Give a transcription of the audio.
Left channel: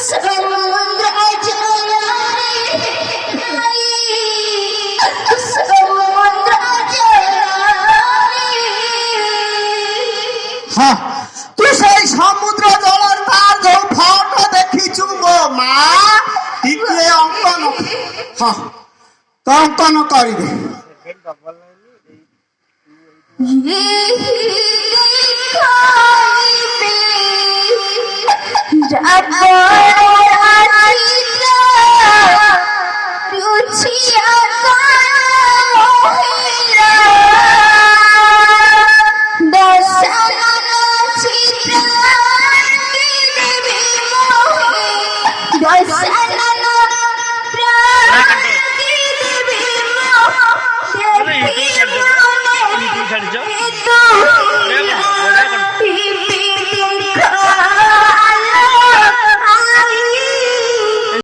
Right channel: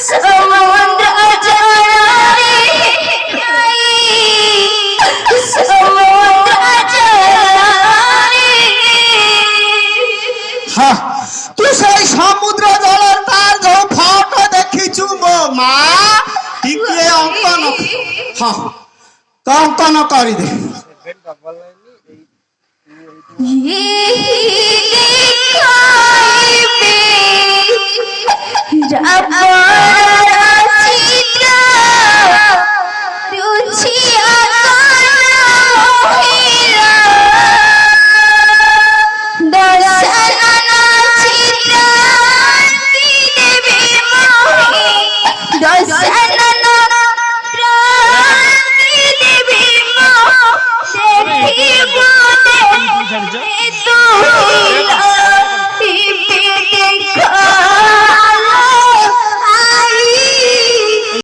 সমুদ্র জলে সমুদ্র জলে হ্যাঁ তুই সেই সমুদ্র জলের তার যে ফটো দেখিছু গো মা টিকে অঙ্কন হ্যাঁ তো অঙ্কন করি দে